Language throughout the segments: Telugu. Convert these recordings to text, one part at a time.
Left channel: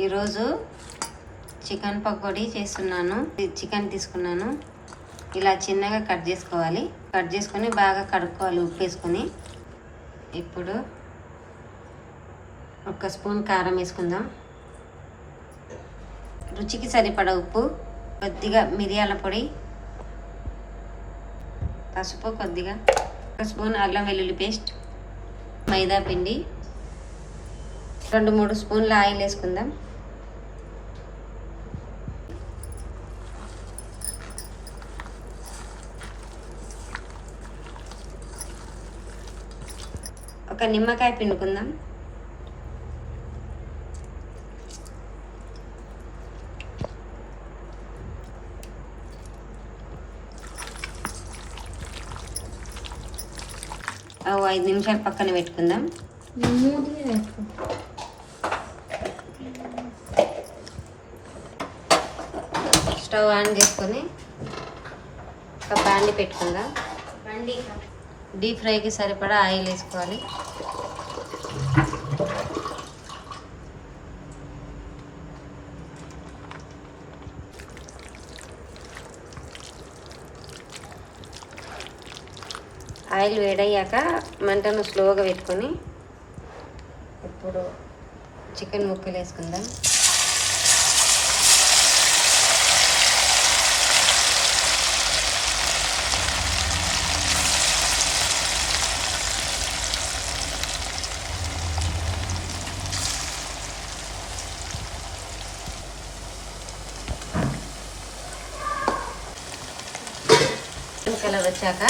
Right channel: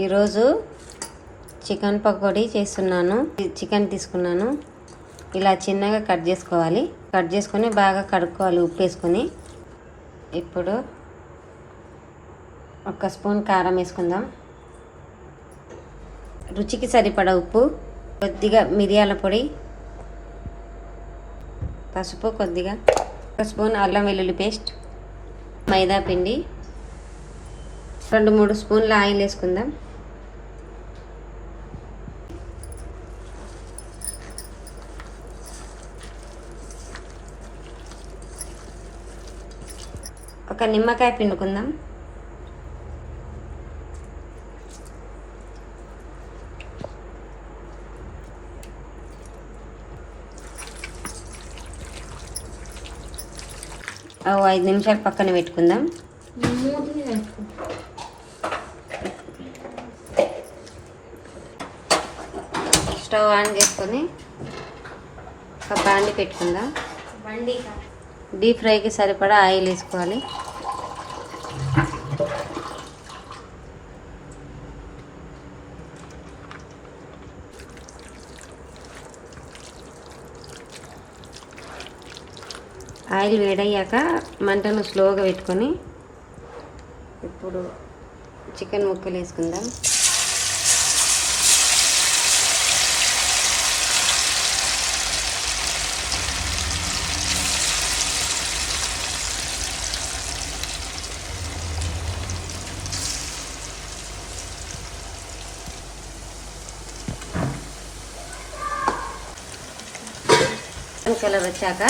ఈరోజు చికెన్ పకోడీ చేస్తున్నాను. చికెన్ తీసుకున్నాను. ఇలా చిన్నగా కట్ చేసుకోవాలి. కట్ చేసుకొని బాగా కడుక్కోవాలి. ఉప్పు వేసుకొని ఇప్పుడు ఒక స్పూన్ కారం వేసుకుందాం. రుచికి సరిపడా ఉప్పు కొద్దిగా మిరియాల పొడి పసుపు కొద్దిగా ఒక స్పూన్ అల్లం వెల్లుల్లి పేస్ట్ మైదా పిండి రెండు మూడు స్పూన్ల ఆయిల్ వేసుకుందాం. ఒక నిమ్మకాయ పిండుకుందాం. ఐదు నిమిషాలు పక్కన పెట్టుకుందాం. స్టవ్ ఆన్ చేసుకొని ఒక బండి పెట్టుకుందాం. బండి డీప్ ఫ్రైకి సరిపడా ఆయిల్ వేసుకోవాలి. ఆయిల్ వేడయ్యాక మంటను స్లోగా పెట్టుకొని ఇప్పుడు చికెన్ ముక్కలు వేసుకుందాం. కలర్ వచ్చాక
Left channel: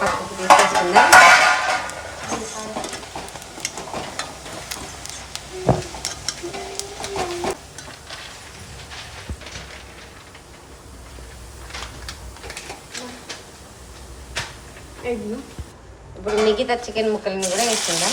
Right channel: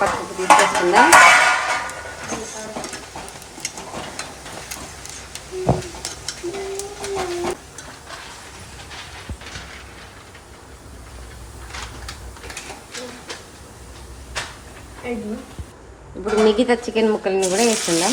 పక్కకు తీసేసుకుందాం. ఇప్పుడు మిగతా చికెన్ ముక్కల్ని కూడా వేసుకుందాం